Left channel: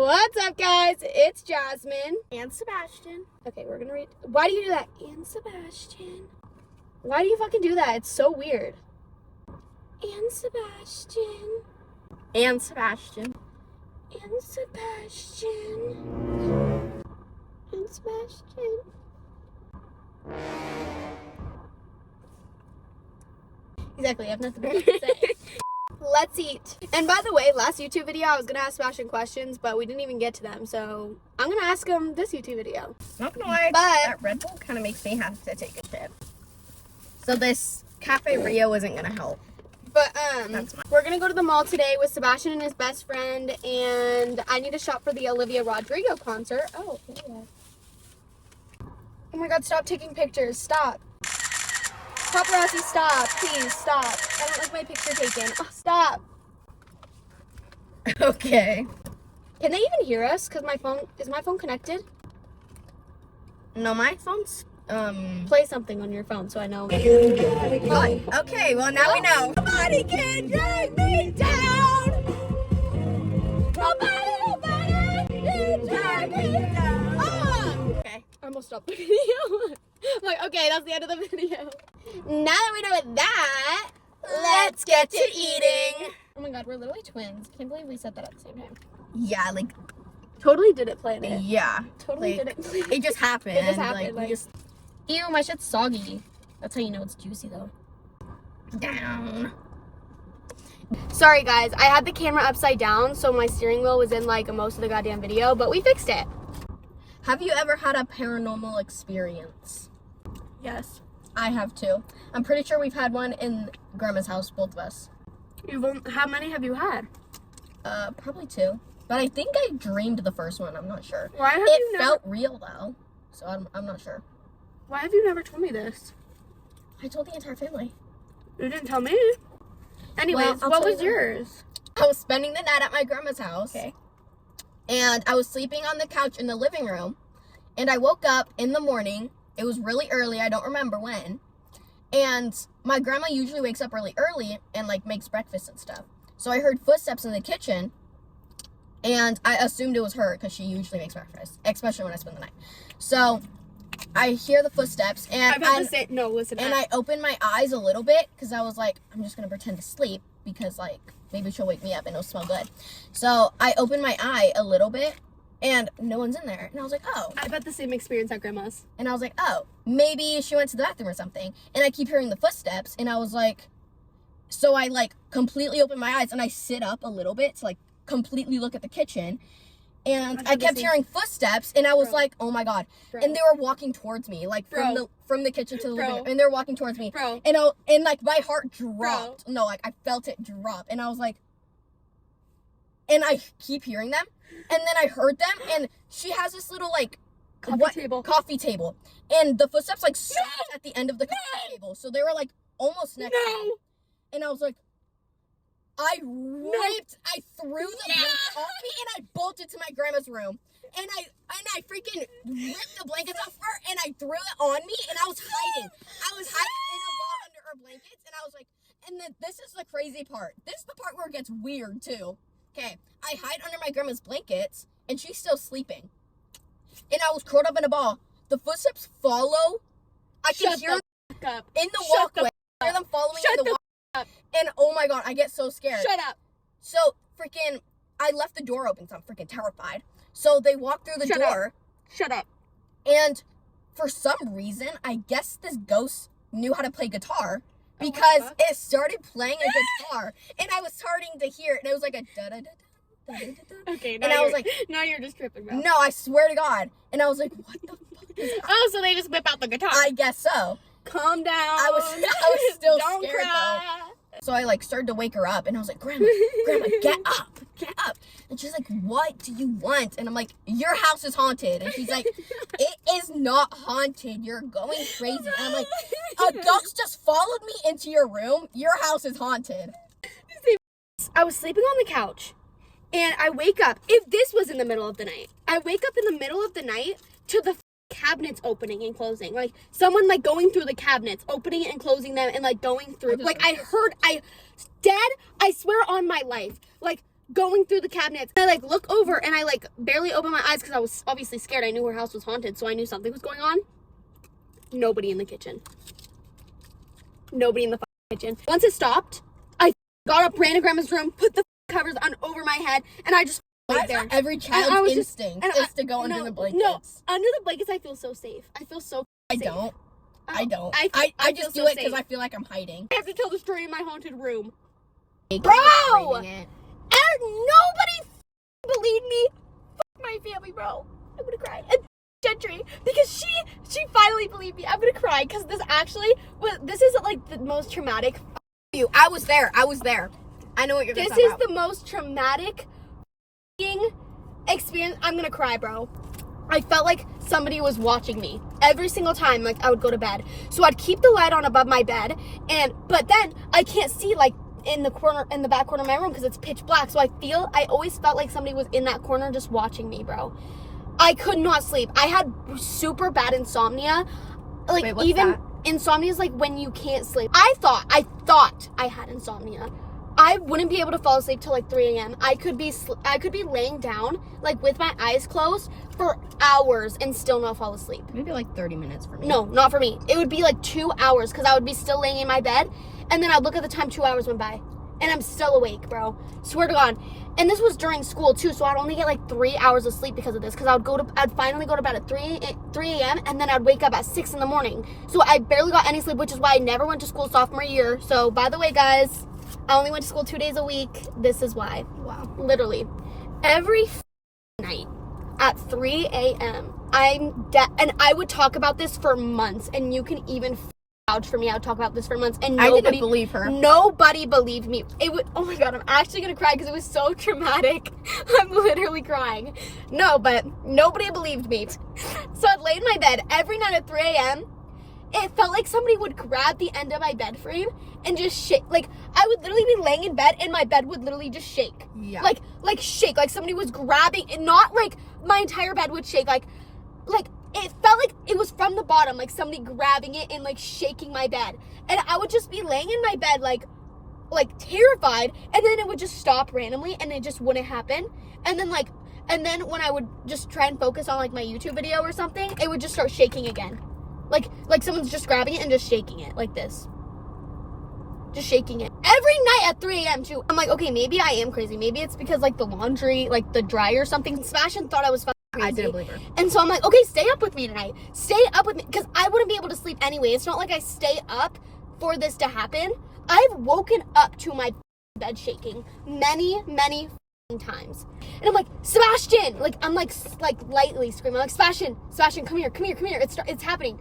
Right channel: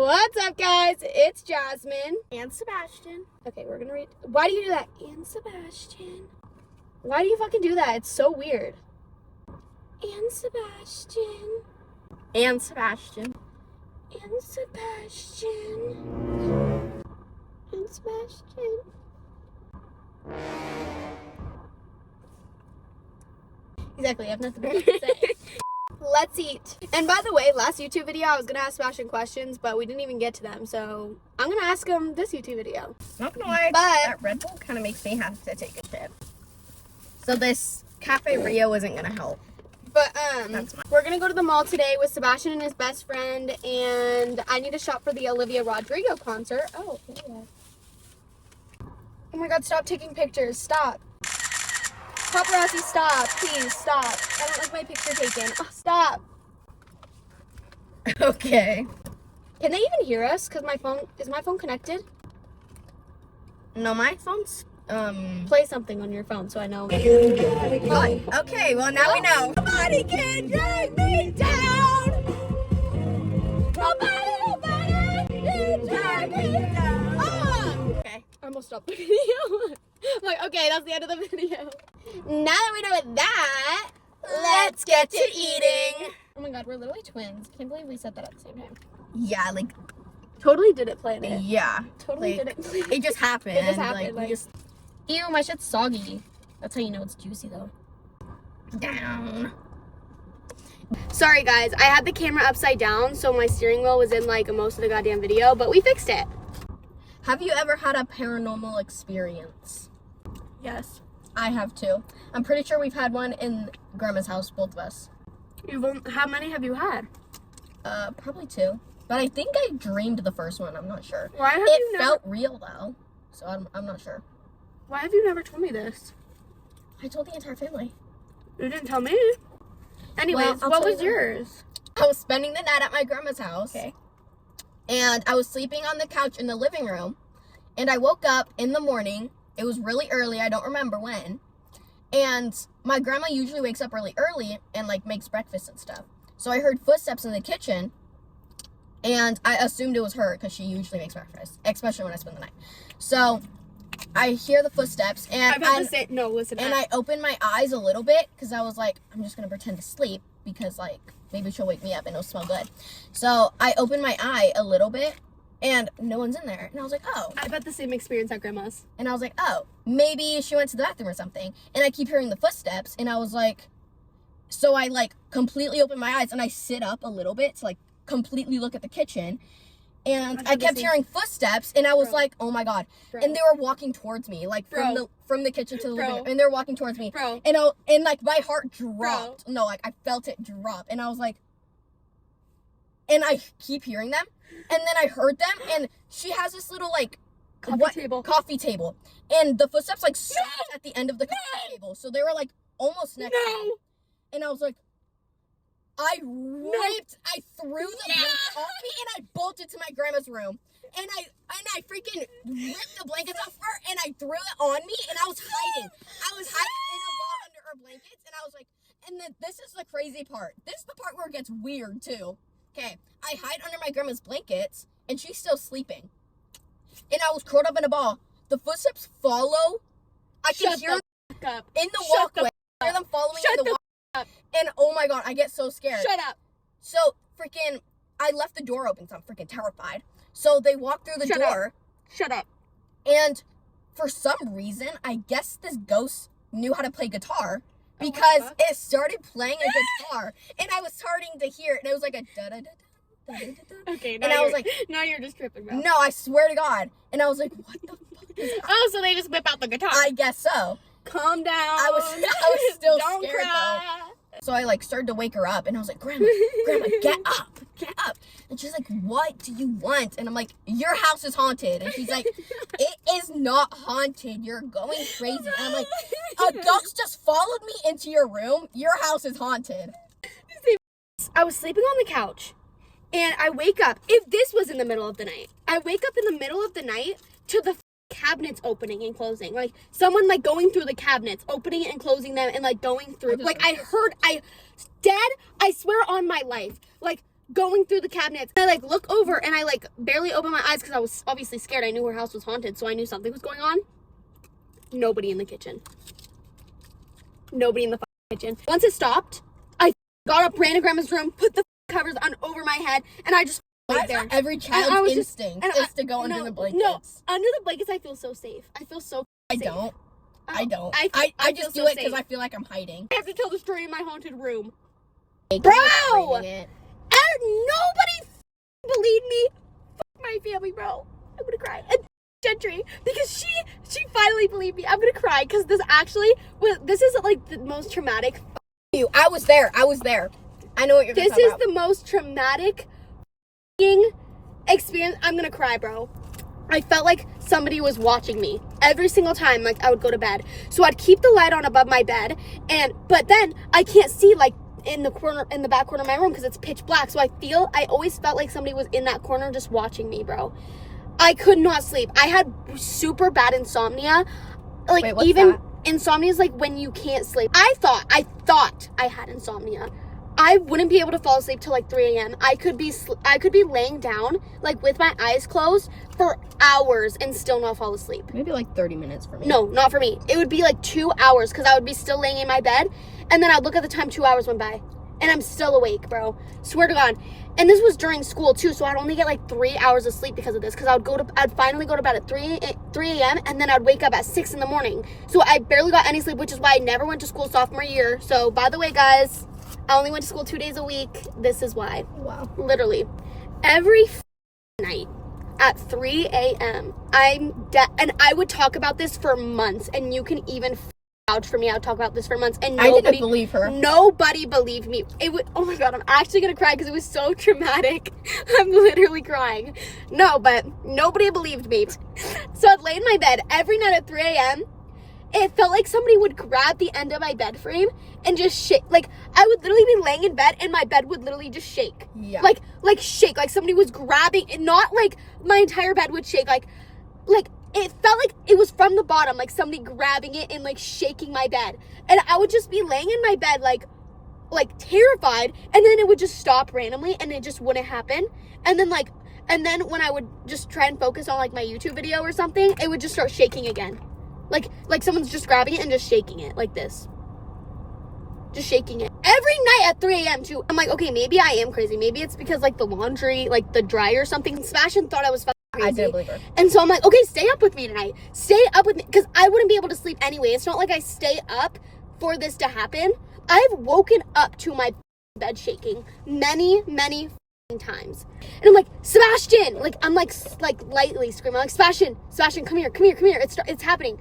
What's up, guys? It's Jasmine. And Sebastian. Okay, we're gonna read. Why do you do that? And Sebastian. Why do you fucking do that? It's so weird. And Sebastian. And Sebastian. And Sebastian. And Sebastian. Exactly, I have nothing better to say. Let's eat. And by the way, last YouTube video, I was going to ask Sebastian questions, but we didn't even get to them. So I'm going to ask him this YouTube video. Not gonna lie, that Red Bull kind of makes me have to take a shit. So this Cafe Rio isn't going to help. But we're going to go to the mall today with Sebastian and his best friend. And I need to shop for the Olivia Rodrigo concert. Oh, yeah. Oh my God, stop taking pictures. Stop. Paparazzi, stop. Please, stop. I don't like my picture taken. Oh, stop. Okay. Can they even hear us? Because is my phone connected? No, my phone's, Play something on your phone so I know. Oh, okay, well now we know. Nobody can drag me down. Nobody can drag me down. Oh. Okay. I almost stopped the video. I'm like, okay, that's the end of the video. Now that we know that, Let's get to eating. Oh my God, we're literally twins. Can't believe we said that at the same time. Yeah, like, Totally didn't plan it. yeah. Totally like, didn't plan it. It just happened. It just happened. Like, we just Ew, my shit's soggy. That's how you know it's juicy though. down. Sorry guys, I had the camera upside down, so my steering wheel was in like most of the goddamn video, but we fixed it. Have you ever had a paranormal experience? Yes. I have too. I'm pretty sure we've had one in Grandma's house, both of us. How many have you had? Probably 2. But I think I dreamed the first one. I'm not sure. Why have It felt real though, so I'm not sure. Why have you never told me this? I told the entire family. You didn't tell me. Anyways, Well, what was yours? I was spending the night at my grandma's house. Okay. And I was sleeping on the couch in the living room. And I woke up in the morning. It was really early. I don't remember when. And my grandma usually wakes up really early and like makes breakfast and stuff. So I heard footsteps in the kitchen. And I assumed it was her because she usually makes breakfast, especially when I spend the night. So I hear the footsteps and I open my eyes a little bit because I was like, I'm just going to pretend to sleep because like maybe she'll wake me up and it'll smell good. So I opened my eye a little bit and no one's in there. And I was like, oh. I've had the same experience at Grandma's. And I was like, oh, maybe she went to the bathroom or something. And I keep hearing the footsteps and I was like, so I like completely open my eyes and I sit up a little bit to like completely look at the kitchen. And I kept hearing footsteps, and I was like, "Oh my God!" Bro. And they were walking towards me, like from the kitchen to the living room, and they were walking towards me. Bro. And like my heart dropped. Bro. No, like I felt it drop, and I was like, and I keep hearing them, and then I heard them, and she has this little like coffee table, and the footsteps like stopped at the end of the coffee table, so they were like almost next to me, and I was like. I threw the blankets off me and I bolted to my grandma's room. And I freaking ripped the blankets off her and I threw it on me and I was hiding. I was hiding in a ball under her blankets and I was like, and then this is the crazy part. This is the part where it gets weird too. Okay, I hide under my grandma's blankets and she's still sleeping. And I was curled up in a ball. The footsteps follow. I can hear them in the walkway. I hear them following in the walkway. And oh my God, I get so scared. Shut up. So freaking, I left the door open, so I'm freaking terrified. So they walked through the door. Shut up. And for some reason, I guess this ghost knew how to play guitar because it started playing a guitar, and I was starting to hear it, and it was like a da da da da da da. Okay, and I was like, now you're just tripping, bro. No, I swear to God. And I was like, what the fuck is that? Oh, so they just whip out the guitar. I guess so. Calm down. I was still Don't scared cry. though. So I like started to wake her up and I was like, Grandma, get up. And she's like, what do you want? And I'm like, your house is haunted. And she's like, it is not haunted. You're going crazy. And I'm like, a ghost just followed me into your room. Your house is haunted. I was sleeping on the couch and I wake up. If this was in the middle of the night, I wake up in the middle of the night to the cabinets opening and closing, like someone like going through the cabinets, opening it and closing them, and like going through. Like I swear on my life, like going through the cabinets. And I like look over and I like barely open my eyes because I was obviously scared. I knew her house was haunted, so I knew something was going on. Nobody in the kitchen. Nobody in the kitchen. Once it stopped, I got up, ran to grandma's room, put the covers on over my head, and I just laid there. Every child's instinct is to go under the blankets. No, under the blankets I feel so safe. I feel so safe. I don't. I just do so it because I feel like I'm hiding. I have to tell the story in my haunted room. Bro! And nobody believed me. Fuck my family, bro. I'm gonna cry. And Gentry, because she finally believed me. I'm gonna cry because this is like the most traumatic. I was there. I know what you're talking about. This is the most traumatic experience. I'm gonna cry, bro. I felt like somebody was watching me every single time, like I would go to bed. So I'd keep the light on above my bed, but then I can't see like in the back corner of my room because it's pitch black. So I always felt like somebody was in that corner just watching me, bro. I could not sleep. I had super bad insomnia. Like, wait, what's that? Insomnia is like when you can't sleep. I thought I had insomnia. I wouldn't be able to fall asleep till like 3 a.m. I could be laying down like with my eyes closed for hours and still not fall asleep. Maybe like 30 minutes for me. No, not for me. It would be like 2 hours because I would be still laying in my bed, and then I'd look at the time, 2 hours went by, and I'm still awake, bro. Swear to God. And this was during school too, so I'd only get like 3 hours of sleep because of this. Because I'd finally go to bed at 3 a.m. and then I'd wake up at 6 in the morning. So I barely got any sleep, which is why I never went to school sophomore year. So by the way, guys, I only went to school 2 days a week. This is why. Wow. Literally, every night at 3 a.m. And I would talk about this for months, and you can even vouch for me. I would talk about this for months, and nobody I didn't believe her. Nobody believed me. It was, oh my God, I'm actually gonna cry because it was so traumatic. I'm literally crying. No, but nobody believed me. So I'd lay in my bed every night at 3 a.m. It felt like somebody would grab the end of my bed frame and just shake. Like, I would literally be laying in bed and my bed would literally just shake. Yeah. Like shake. Like somebody was grabbing, and not like my entire bed would shake. Like it felt like it was from the bottom, like somebody grabbing it and like shaking my bed. And I would just be laying in my bed like terrified, and then it would just stop randomly and it just wouldn't happen. And then when I would just try and focus on like my YouTube video or something, it would just start shaking again. Like someone's just grabbing it and just shaking it like this. Just shaking it. Every night at 3 a.m. too. I'm like, okay, maybe I am crazy. Maybe it's because like the laundry, like the dryer or something. Sebastian thought I was fucking crazy. I didn't believe her. And so I'm like, okay, stay up with me tonight. Stay up with me. Because I wouldn't be able to sleep anyway. It's not like I stay up for this to happen. I've woken up to my bed shaking many times. And I'm like, Sebastian! Like, I'm like lightly screaming. I'm like, Sebastian, come here. It's happening.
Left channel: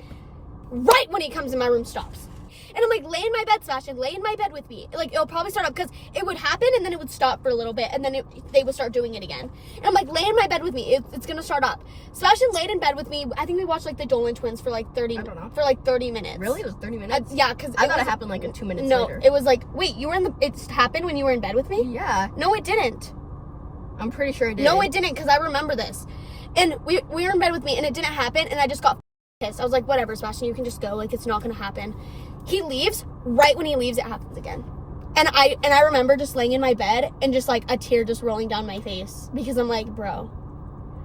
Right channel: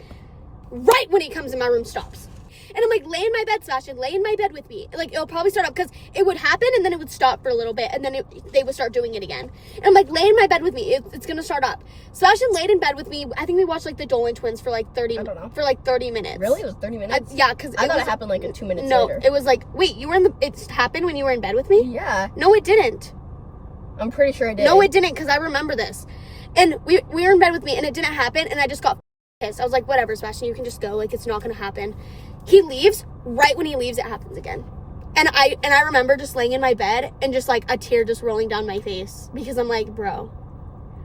Right when he comes in my room, stops. And I'm like, lay in my bed, Sebastian, lay in my bed with me. Like, it'll probably start up, because it would happen, and then it would stop for a little bit, and then they would start doing it again. And I'm like, lay in my bed with me. It's gonna start up. Sebastian laid in bed with me. I think we watched, like, the Dolan Twins for, like, 30 minutes. Really? It was 30 minutes? Yeah, because I thought it happened, like, 2 minutes later. later. No, it was like, wait, it happened when you were in bed with me? Yeah. No, it didn't. I'm pretty sure it did. No, it didn't, because I remember this. And we were in bed with me, and it didn't happen, and I just got pissed. I was like, whatever, Sebastian, you can just go. Like, it's not gonna happen. He leaves. Right when he leaves, it happens again. And I remember just laying in my bed and just like a tear just rolling down my face, because I'm like, bro,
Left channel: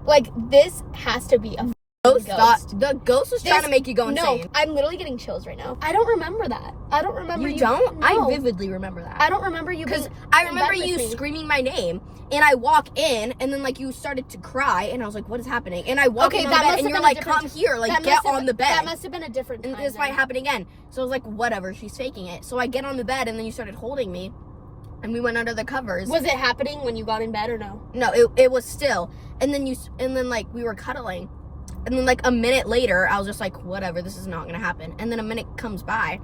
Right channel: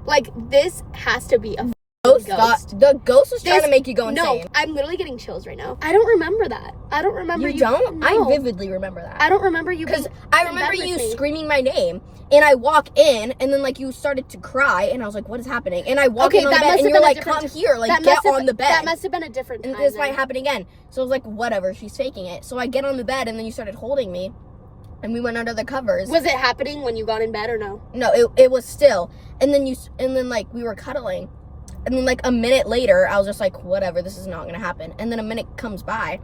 like, this has to be a ghost. The ghost was trying to make you go insane. No, I'm literally getting chills right now. I don't remember that. I don't remember you. Don't? No. I vividly remember that. I don't remember you, because I remember you screaming my name, and I walk in, and then like you started to cry, and I was like, what is happening? And I walk in on the bed, and you're like, come here, like, get on the bed. That must have been a different time. And this might happen again. So I was like, whatever, she's faking it. So I get on the bed, and then you started holding me, and we went under the covers. Was it happening when you got in bed or no? No, it was still. And then like we were cuddling, and then like a minute later, I was just like, whatever, this is not gonna happen. And then a minute comes by,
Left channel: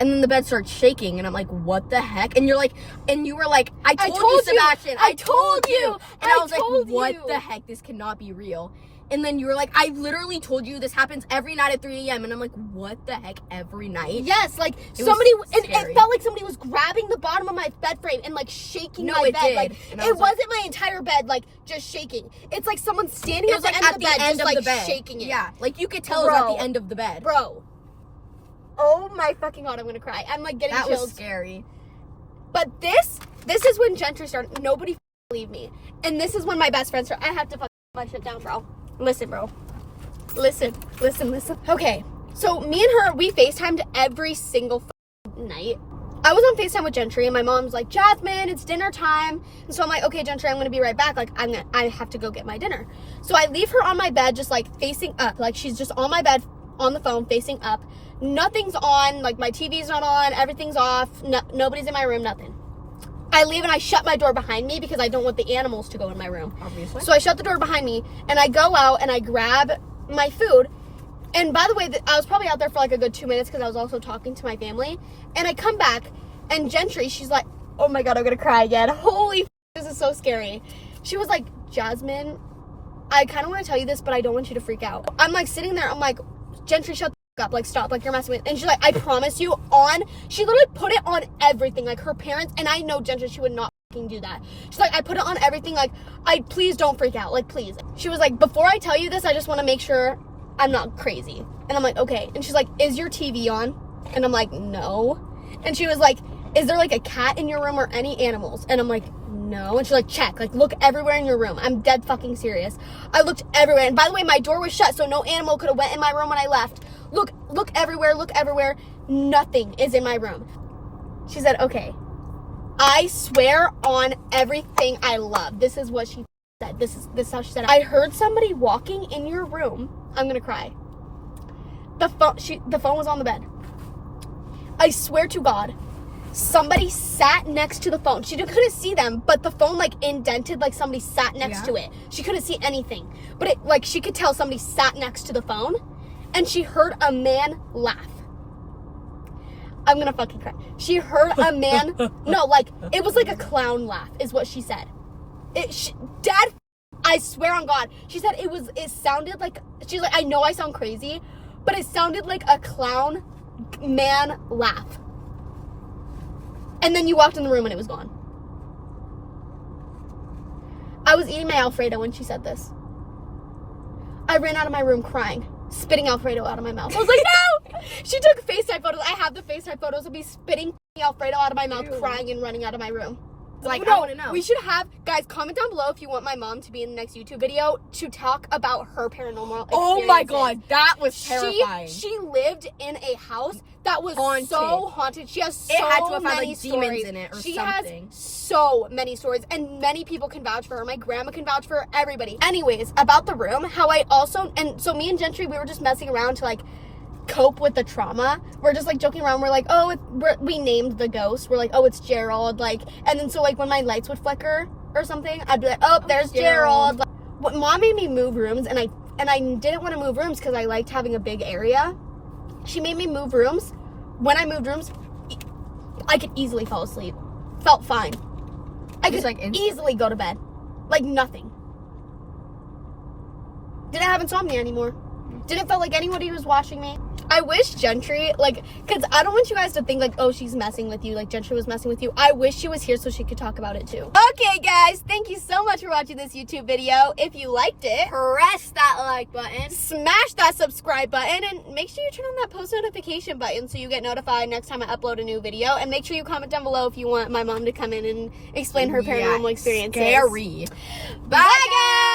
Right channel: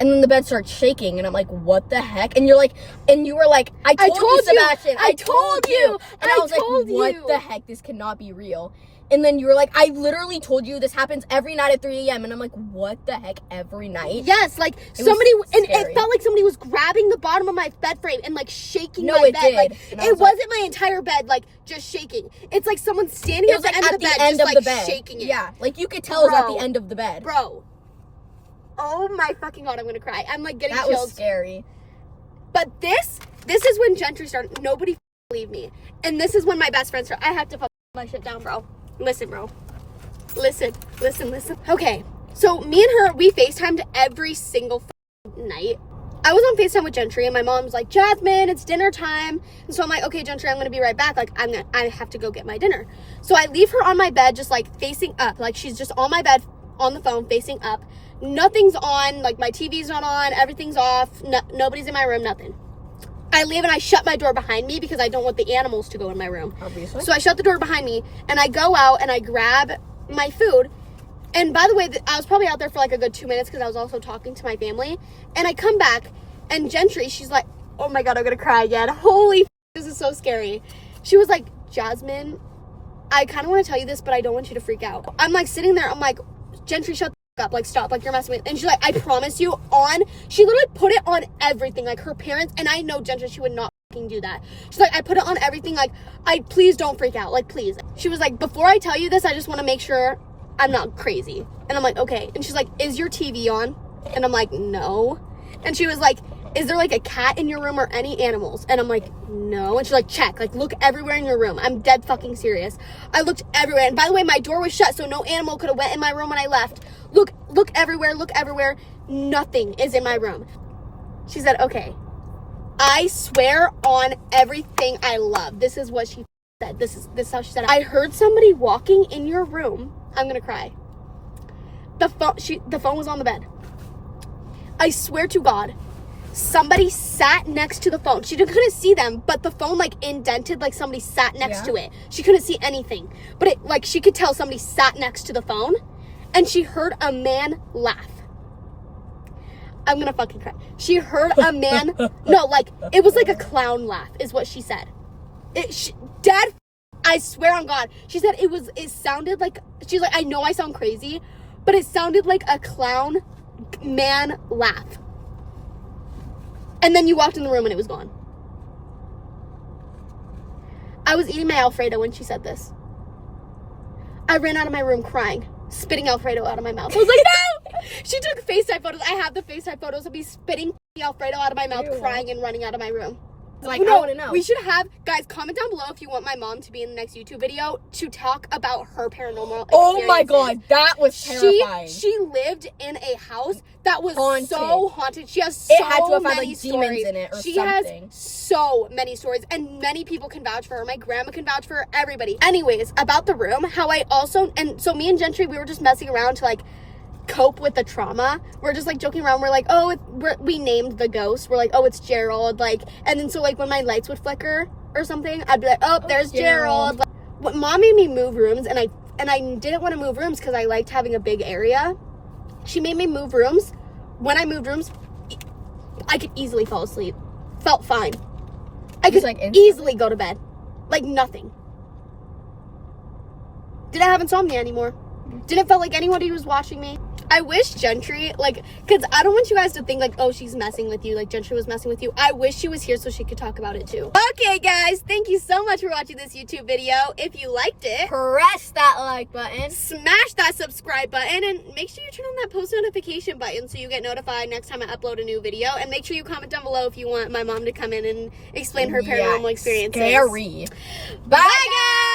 and then the bed starts shaking, and I'm like, what the heck? And you were like, I told you, Sebastian. I told you. And I was like, what the heck? This cannot be real. And then you were like, I literally told you this happens every night at 3 a.m. And I'm like, what the heck, every night? Yes, like somebody, and it felt like somebody was grabbing the bottom of my bed frame and like shaking my bed. Did. Like, it wasn't my entire bed, like just shaking. It's like someone standing at the end of the bed, just like shaking it. Yeah, like you could tell it was at the end of the bed. Bro. Oh my fucking God, I'm gonna cry. I'm like getting chills. That was scary. But this is when Gentry started. Nobody believe me. And this is when my best friends are. I have to fuck my shit down, bro. Listen, bro. Listen. Okay, so me and her, we FaceTimed every single night. I was on FaceTime with Gentry, and my mom's like, Jasmine, it's dinner time. And so I'm like, okay, Gentry, I'm gonna be right back. Like, I have to go get my dinner. So I leave her on my bed, just like facing up. Like, she's just on my bed, on the phone, facing up. Nothing's on, like my TV's not on, everything's off, nobody's in my room, nothing. I leave and I shut my door behind me because I don't want the animals to go in my room. Obviously. So I shut the door behind me, and I go out and I grab my food. And by the way, I was probably out there for like a good 2 minutes because I was also talking to my family. And I come back, and Gentry, she's like, oh my God, I'm gonna cry again. Holy this is so scary. She was like, Jasmine, I kind of want to tell you this, but I don't want you to freak out. I'm like sitting there, I'm like, Gentry, shut the up, like stop, like you're messing with. And she's like, I promise you, she literally put it on everything, like her parents, and I know Gentry, she would not do that. She's like, I put it on everything, like, please don't freak out, like please. She was like, before I tell you this, I just want to make sure I'm not crazy. And I'm like, okay. And she's like, is your TV on? And I'm like, no. And she was like, is there like a cat in your room or any animals? And I'm like, no. And she's like, check, like look everywhere in your room. I'm dead fucking serious. I looked everywhere. And by the way, my door was shut, so no animal could have went in my room when I left. Look everywhere, look everywhere. Nothing is in my room. She said, okay. I swear on everything I love. This is what she said. This is how she said it. I heard somebody walking in your room. I'm gonna cry. The phone was on the bed. I swear to God, somebody sat next to the phone. She couldn't see them, but the phone like indented, like somebody sat next to it. She couldn't see anything, but it like she could tell somebody sat next to the phone, and she heard a man laugh. I'm gonna fucking cry. She heard a man. No, like it was like a clown laugh, is what she said. Dad. I swear on God. She said it sounded like, she's like, I know I sound crazy, but it sounded like a clown man laugh. And then you walked in the room and it was gone. I was eating my Alfredo when she said this. I ran out of my room crying, spitting Alfredo out of my mouth. I was like, no! She took FaceTime photos. I have the FaceTime photos of me spitting Alfredo out of my mouth, crying and running out of my room. Like, no, I want to know. We should have, guys, comment down below if you want my mom to be in the next YouTube video to talk about her paranormal experiences. Oh my God, that was terrifying. She lived in a house that was so haunted. She has so many stories. In it or she something. Has so many stories, and many people can vouch for her. My grandma can vouch for her, everybody. Anyways, about the room, how I also, and so me and Gentry, we were just messing around to like cope with the trauma. We're just like joking around. We're like, oh, we named the ghost. We're like, oh, it's Gerald. Like, and then so like when my lights would flicker or something, I'd be like, oh, there's Gerald. Like, Mom made me move rooms, and I didn't want to move rooms because I liked having a big area. She made me move rooms. When I moved rooms, I could easily fall asleep. Felt fine. I could easily go to bed. Like nothing. Didn't have insomnia anymore. Didn't feel like anybody was watching me. I wish Gentry, like, because I don't want you guys to think, like, oh, she's messing with you, like, Gentry was messing with you. I wish she was here so she could talk about it, too. Okay, guys, thank you so much for watching this YouTube video. If you liked it, press that like button, smash that subscribe button, and make sure you turn on that post notification button so you get notified next time I upload a new video. And make sure you comment down below if you want my mom to come in and explain her paranormal experiences. Scary. Bye, guys!